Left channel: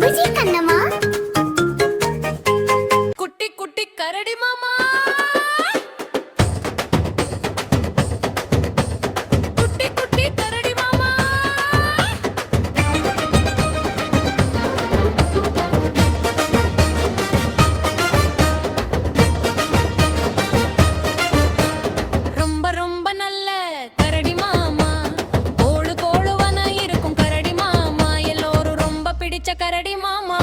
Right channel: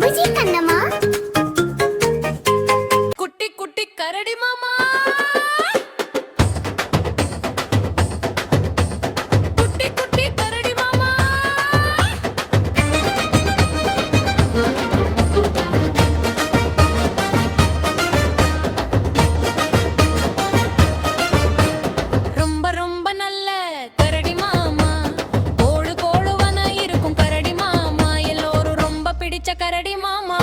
புஜி கண்ணம்மா. குட்டி குட்டி கரடி மாமா, குட்டி குட்டி கரடி மாமா. ரொம்ப ரொம்ப நல்ல கரடி மாமா, கோழு கோழுவன இருக்கும் கரடி மாமா, எல்லோரும் ரொம்ப பிடிச்ச கரடி மாமா.